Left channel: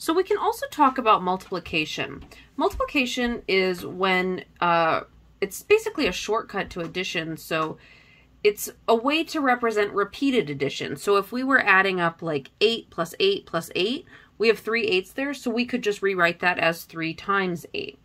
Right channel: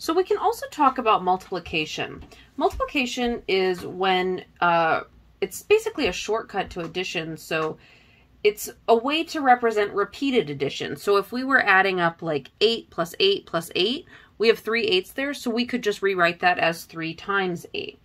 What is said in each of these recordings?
So we can also talk about multiplication. Multiplication is when it's basically a shortcut to addition. So it's a way to represent repeated addition. So if we were adding up like 8 plus 8 plus 8, we have 3 8s there. So we could just rewrite that as 3 times 8.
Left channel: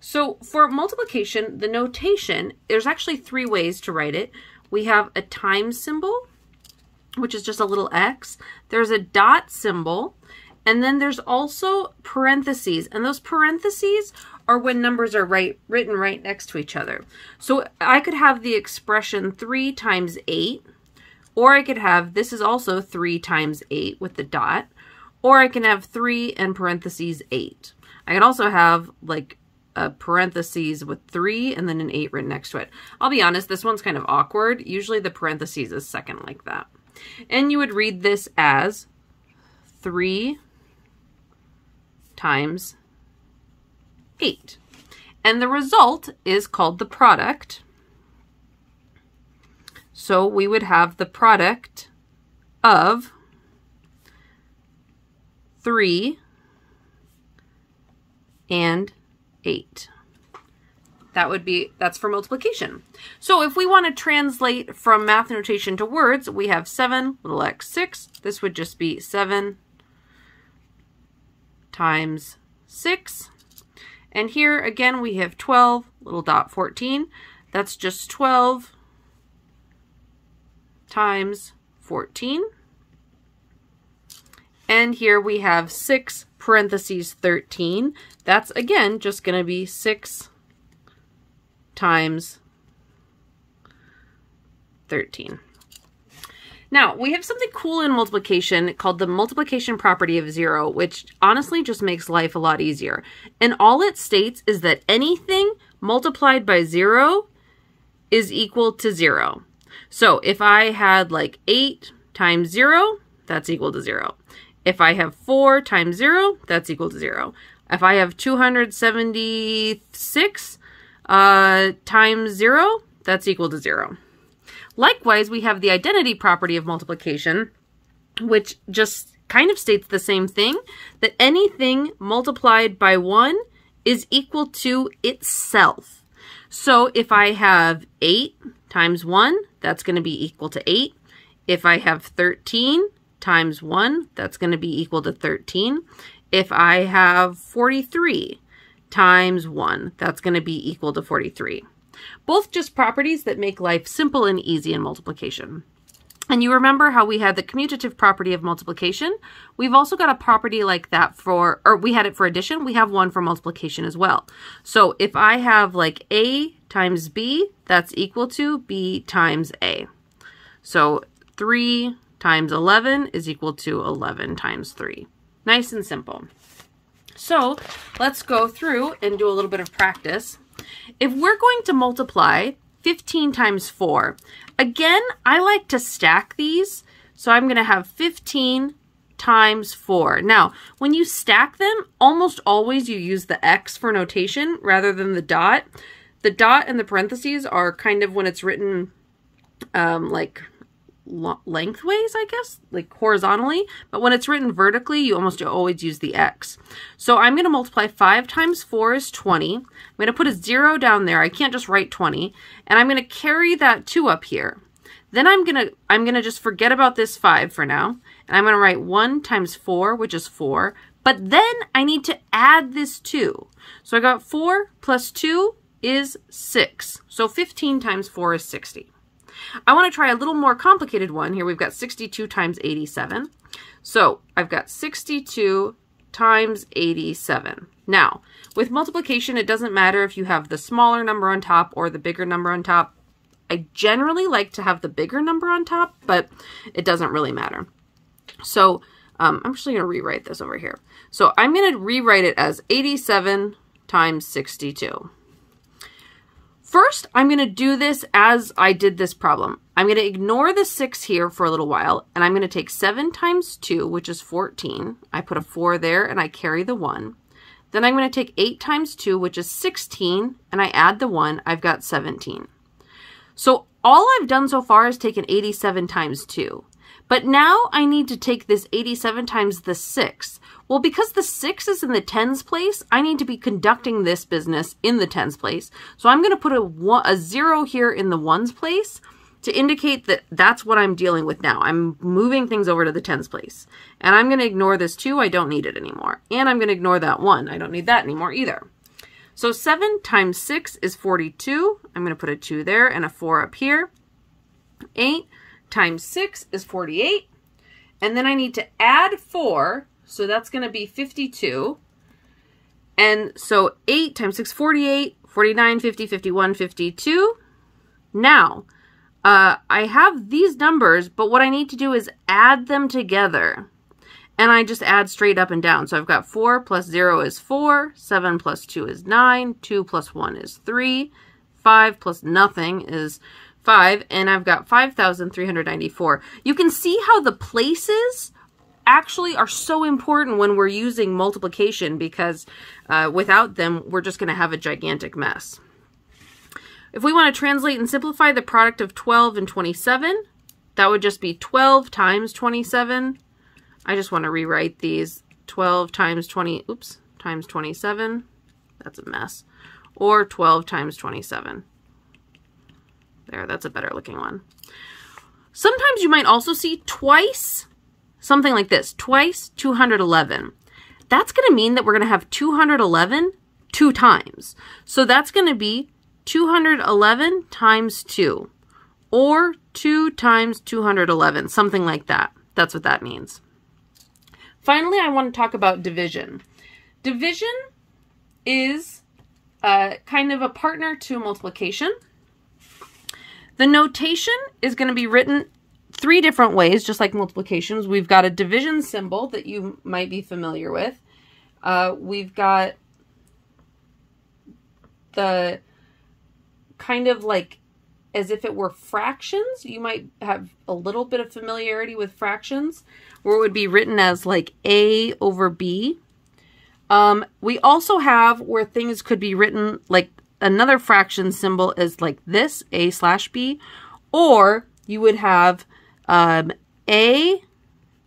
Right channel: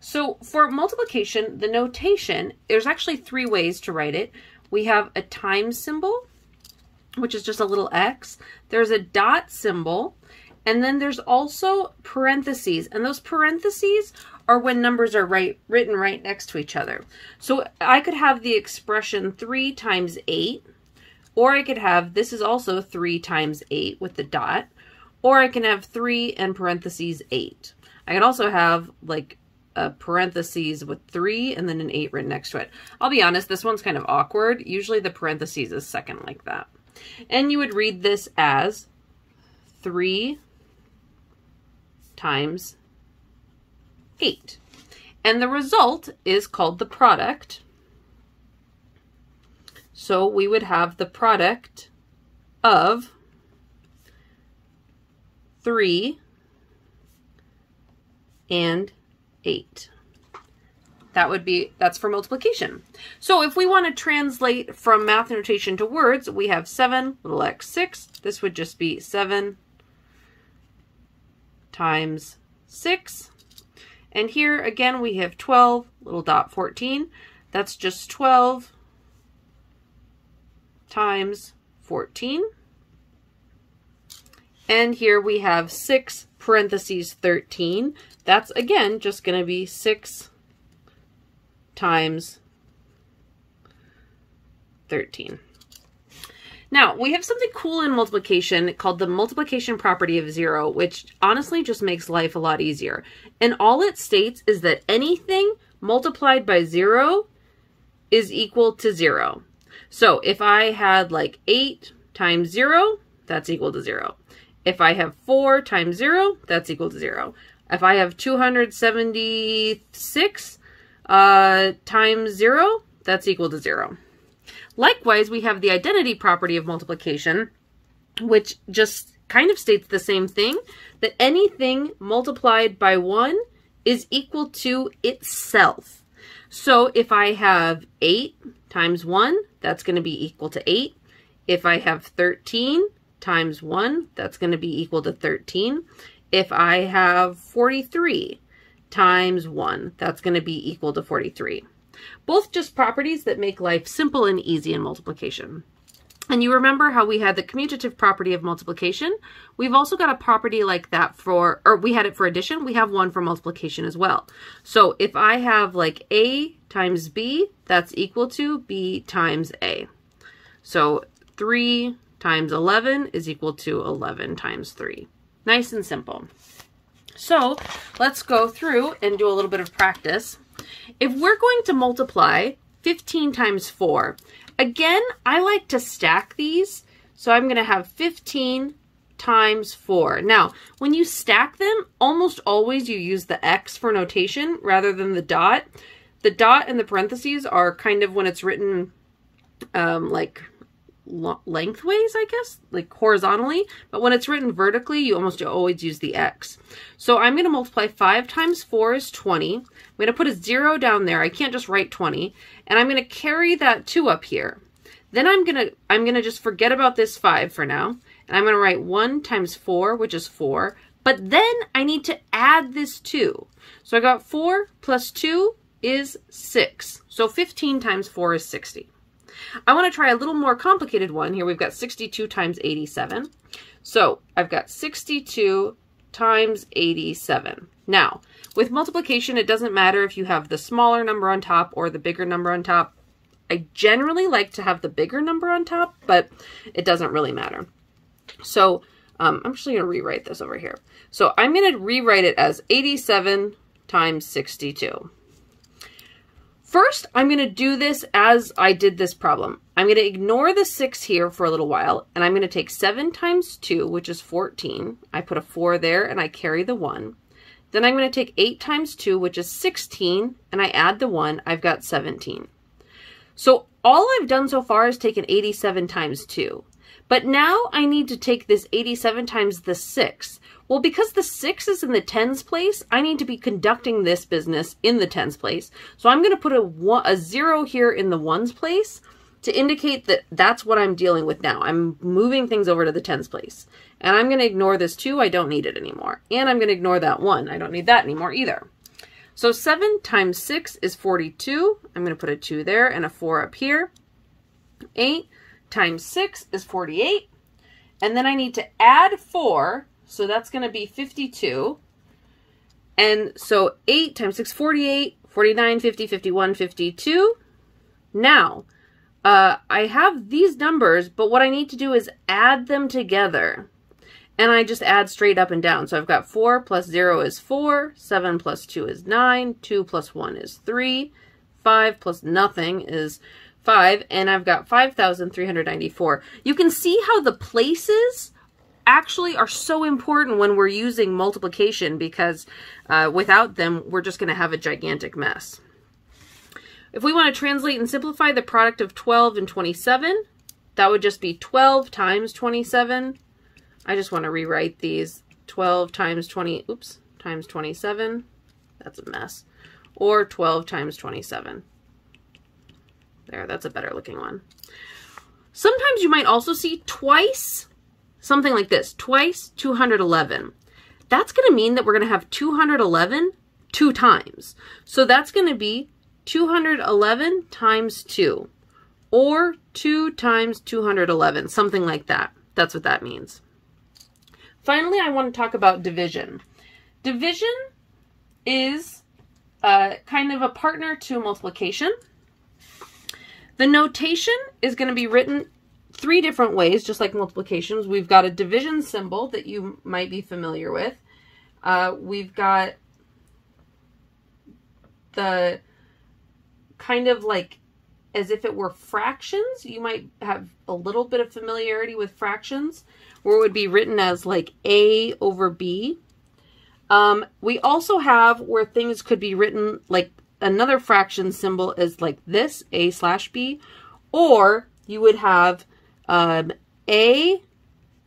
So for multiplication, the notation, there's actually 3 ways to write it. We have a times symbol, which is just a little x. There's a dot symbol. And then there's also parentheses, and those parentheses are when numbers are written right next to each other. So I could have the expression 3 times 8, or I could have, this is also 3 times 8 with the dot, or I can have 3 and parentheses 8. I could also have like a parentheses with 3 and then an 8 written next to it. I'll be honest, this one's kind of awkward. Usually the parentheses is second like that. And you would read this as 3 times 8. And the result is called the product. So we would have the product of 3 and 8. That's for multiplication. So if we want to translate from math notation to words, we have 7, little x, 6. This would just be 7 times 6. And here again we have 12, little dot 14. That's just 12 times 14. And here we have 6 parentheses 13. That's again just going to be 6 times 13. Now, we have something cool in multiplication called the multiplication property of 0, which honestly just makes life a lot easier. And all it states is that anything multiplied by 0 is equal to 0. So if I had like 8 times 0, that's equal to 0. If I have 4 times 0, that's equal to 0. If I have 276 times 0, that's equal to 0. Likewise, we have the identity property of multiplication, which just kind of states the same thing, that anything multiplied by 1 is equal to itself. So if I have 8 times 1, that's going to be equal to 8. If I have 13 times 1, that's going to be equal to 13. If I have 43 times 1, that's going to be equal to 43. Both just properties that make life simple and easy in multiplication. And you remember how we had the commutative property of multiplication? We've also got a property like that for, or we had it for addition, we have one for multiplication as well. So if I have like A times B, that's equal to B times A. So 3 times 11 is equal to 11 times 3. Nice and simple. So let's go through and do a little bit of practice. If we're going to multiply 15 times 4, again, I like to stack these. So I'm going to have 15 times 4. Now, when you stack them, almost always you use the X for notation rather than the dot. The dot and the parentheses are kind of when it's written like lengthways, I guess, like horizontally, but when it's written vertically, you almost always use the X. So I'm going to multiply 5 times 4 is 20. I'm going to put a 0 down there. I can't just write 20, and I'm going to carry that 2 up here. Then I'm going to just forget about this 5 for now, and I'm going to write 1 times 4, which is 4, but then I need to add this 2. So I got 4 plus 2 is 6. So 15 times 4 is 60. I want to try a little more complicated one. Here we've got 62 times 87. So I've got 62 times 87. Now, with multiplication, it doesn't matter if you have the smaller number on top or the bigger number on top. I generally like to have the bigger number on top, but it doesn't really matter. So I'm actually going to rewrite this over here. So I'm going to rewrite it as 87 times 62. First, I'm going to do this as I did this problem. I'm going to ignore the 6 here for a little while, and I'm going to take 7 times 2, which is 14. I put a 4 there, and I carry the 1. Then I'm going to take 8 times 2, which is 16, and I add the 1. I've got 17. So all I've done so far is taken 87 times 2. But now I need to take this 87 times the 6, Well, because the 6 is in the tens place, I need to be conducting this business in the tens place. So I'm going to put a 0 here in the ones place to indicate that that's what I'm dealing with now. I'm moving things over to the tens place. And I'm going to ignore this 2. I don't need it anymore. And I'm going to ignore that 1. I don't need that anymore either. So 7 times 6 is 42. I'm going to put a 2 there and a 4 up here. 8 times 6 is 48. And then I need to add 4. So that's going to be 52. And so 8 times 6, 48, 49, 50, 51, 52. Now, I have these numbers, but what I need to do is add them together. And I just add straight up and down. So I've got 4 plus 0 is 4, 7 plus 2 is 9, 2 plus 1 is 3, 5 plus nothing is 5, and I've got 5,394. You can see how the places actually are so important when we're using multiplication, because without them, we're just going to have a gigantic mess. If we want to translate and simplify the product of 12 and 27, that would just be 12 times 27. I just want to rewrite these. 12 times 27. That's a mess. Or 12 times 27. There, that's a better looking one. Sometimes you might also see twice, something like this, twice 211. That's going to mean that we're going to have 211 2 times. So that's going to be 211 times 2, or 2 times 211, something like that. That's what that means. Finally, I want to talk about division. Division is kind of a partner to multiplication. The notation is going to be written 3 different ways, just like multiplications. We've got a division symbol that you might be familiar with. We've got the kind of like as if it were fractions. You might have a little bit of familiarity with fractions, where it would be written as like A over B. We also have where things could be written like another fraction symbol is like this, A slash B, or you would have A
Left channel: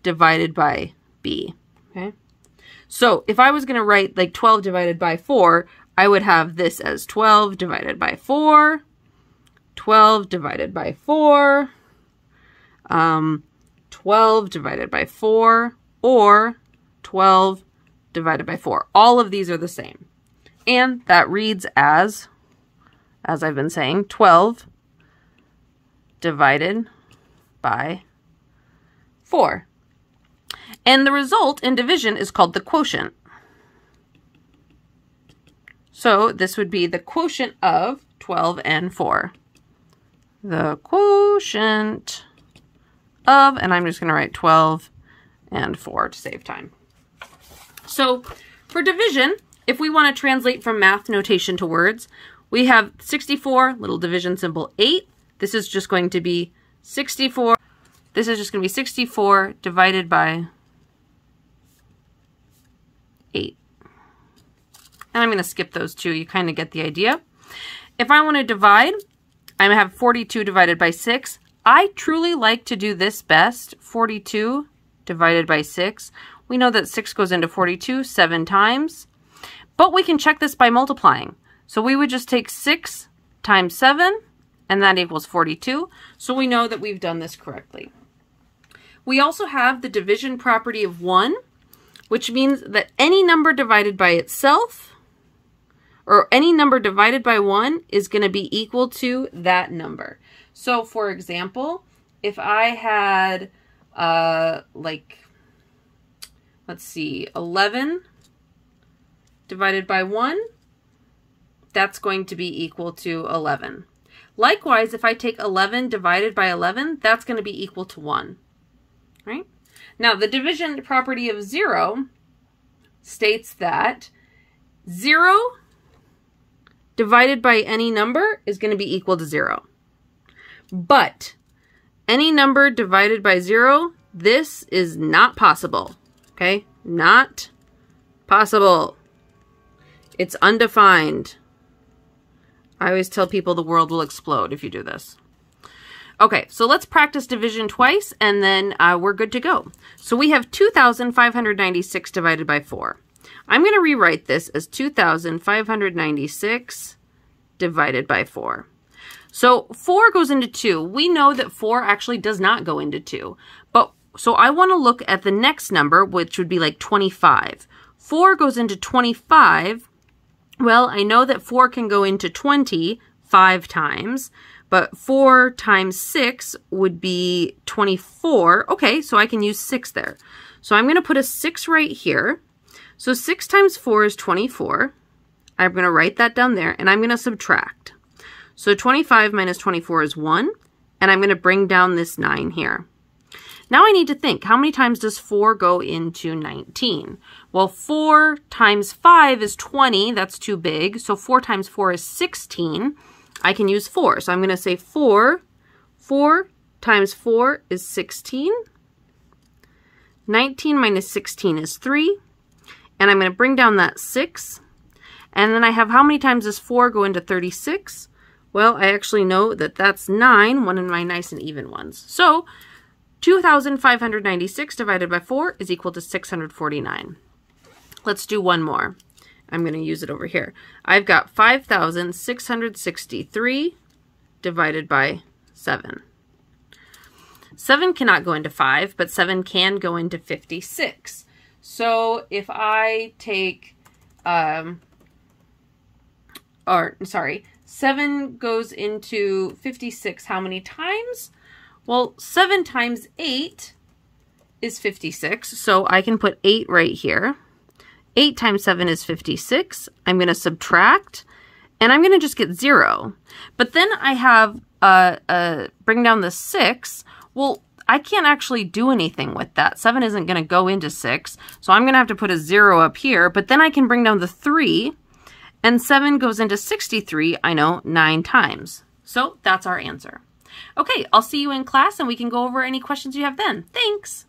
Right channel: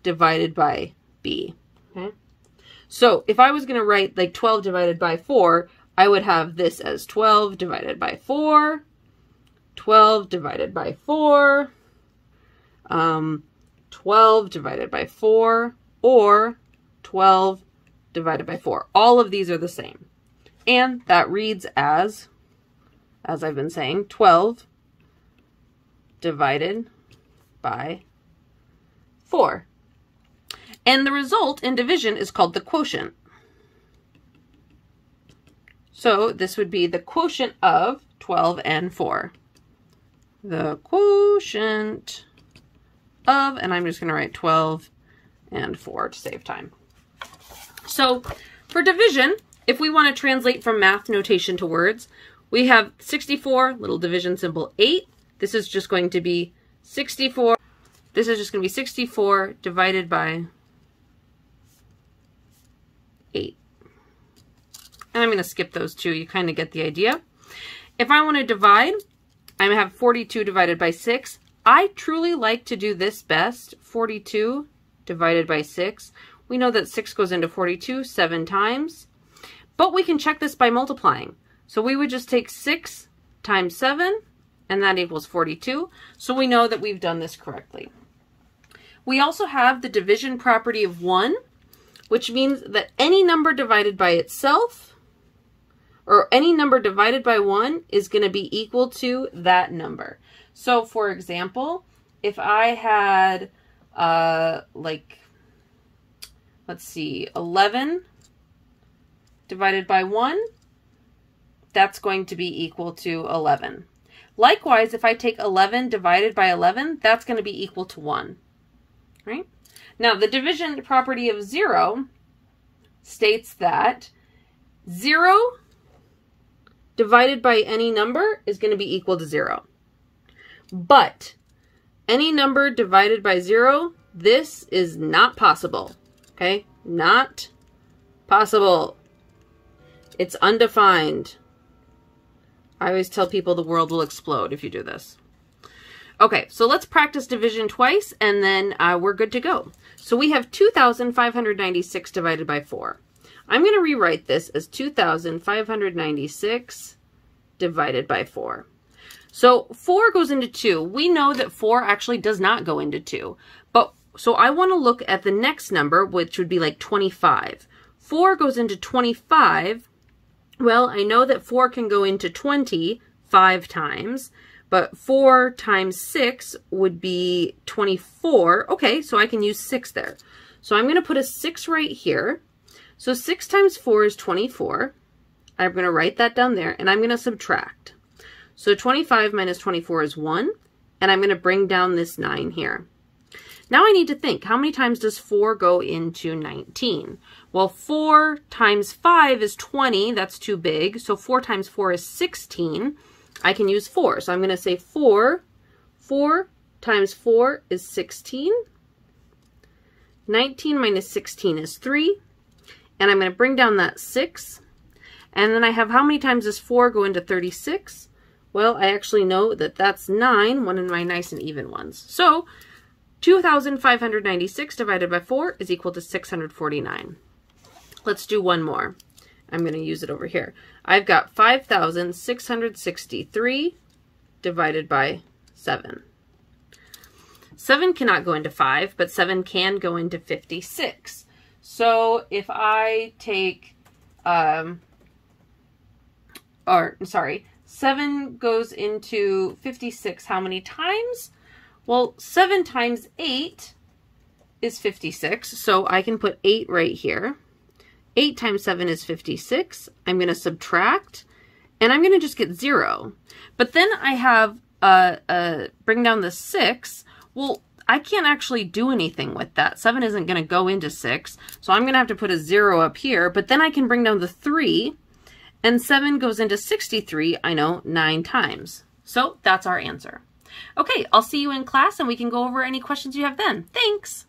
divided by B, okay? So if I was going to write like 12 divided by 4, I would have this as 12 divided by 4, 12 divided by 4, 12 divided by 4, or 12 divided by 4. All of these are the same. And that reads as I've been saying, 12 divided by 4. And the result in division is called the quotient. So this would be the quotient of 12 and 4. The quotient of, and I'm just going to write 12 and 4 to save time. So for division, if we want to translate from math notation to words, we have 64, little division symbol 8. This is just going to be 64. This is just going to be 64 divided by 8. And I'm going to skip those 2. You kind of get the idea. If I want to divide, I'm going to have 42 divided by 6. I truly like to do this best, 42 divided by 6. We know that 6 goes into 42 7 times, but we can check this by multiplying. So we would just take 6 times 7, and that equals 42. So we know that we've done this correctly. We also have the division property of 1, which means that any number divided by itself, or any number divided by 1, is going to be equal to that number. So for example, if I had like, let's see, 11 divided by 1, that's going to be equal to 11. Likewise, if I take 11 divided by 11, that's going to be equal to 1. Right? Now, the division property of 0 states that 0 divided by any number is going to be equal to 0. But any number divided by 0, this is not possible. Okay? Not possible. It's undefined. I always tell people the world will explode if you do this. Okay, so let's practice division twice, and then we're good to go. So we have 2,596 divided by 4. I'm going to rewrite this as 2,596 divided by 4. So 4 goes into 2. We know that 4 actually does not go into 2. But so I want to look at the next number, which would be like 25. 4 goes into 25. Well, I know that 4 can go into 20 5 times. But 4 times 6 would be 24. Okay, so I can use 6 there. So I'm going to put a 6 right here. So 6 times 4 is 24. I'm going to write that down there, and I'm going to subtract. So 25 minus 24 is 1, and I'm going to bring down this 9 here. Now I need to think, how many times does 4 go into 19? Well, 4 times 5 is 20. That's too big. So 4 times 4 is 16. I can use 4. So I'm going to say 4 times 4 is 16. 19 minus 16 is 3. And I'm going to bring down that 6. And then I have, how many times does 4 go into 36? Well, I actually know that that's 9, one of my nice and even ones. So 2,596 divided by 4 is equal to 649. Let's do one more. I'm going to use it over here. I've got 5,663 divided by 7. 7 cannot go into 5, but 7 can go into 56. So if I take, 7 goes into 56 how many times? Well, 7 times 8 is 56, so I can put 8 right here. 8 times 7 is 56. I'm going to subtract, and I'm going to just get 0. But then I have bring down the 6. Well, I can't actually do anything with that. 7 isn't going to go into 6, so I'm going to have to put a 0 up here. But then I can bring down the 3, and 7 goes into 63, I know, 9 times. So that's our answer. Okay, I'll see you in class, and we can go over any questions you have then. Thanks!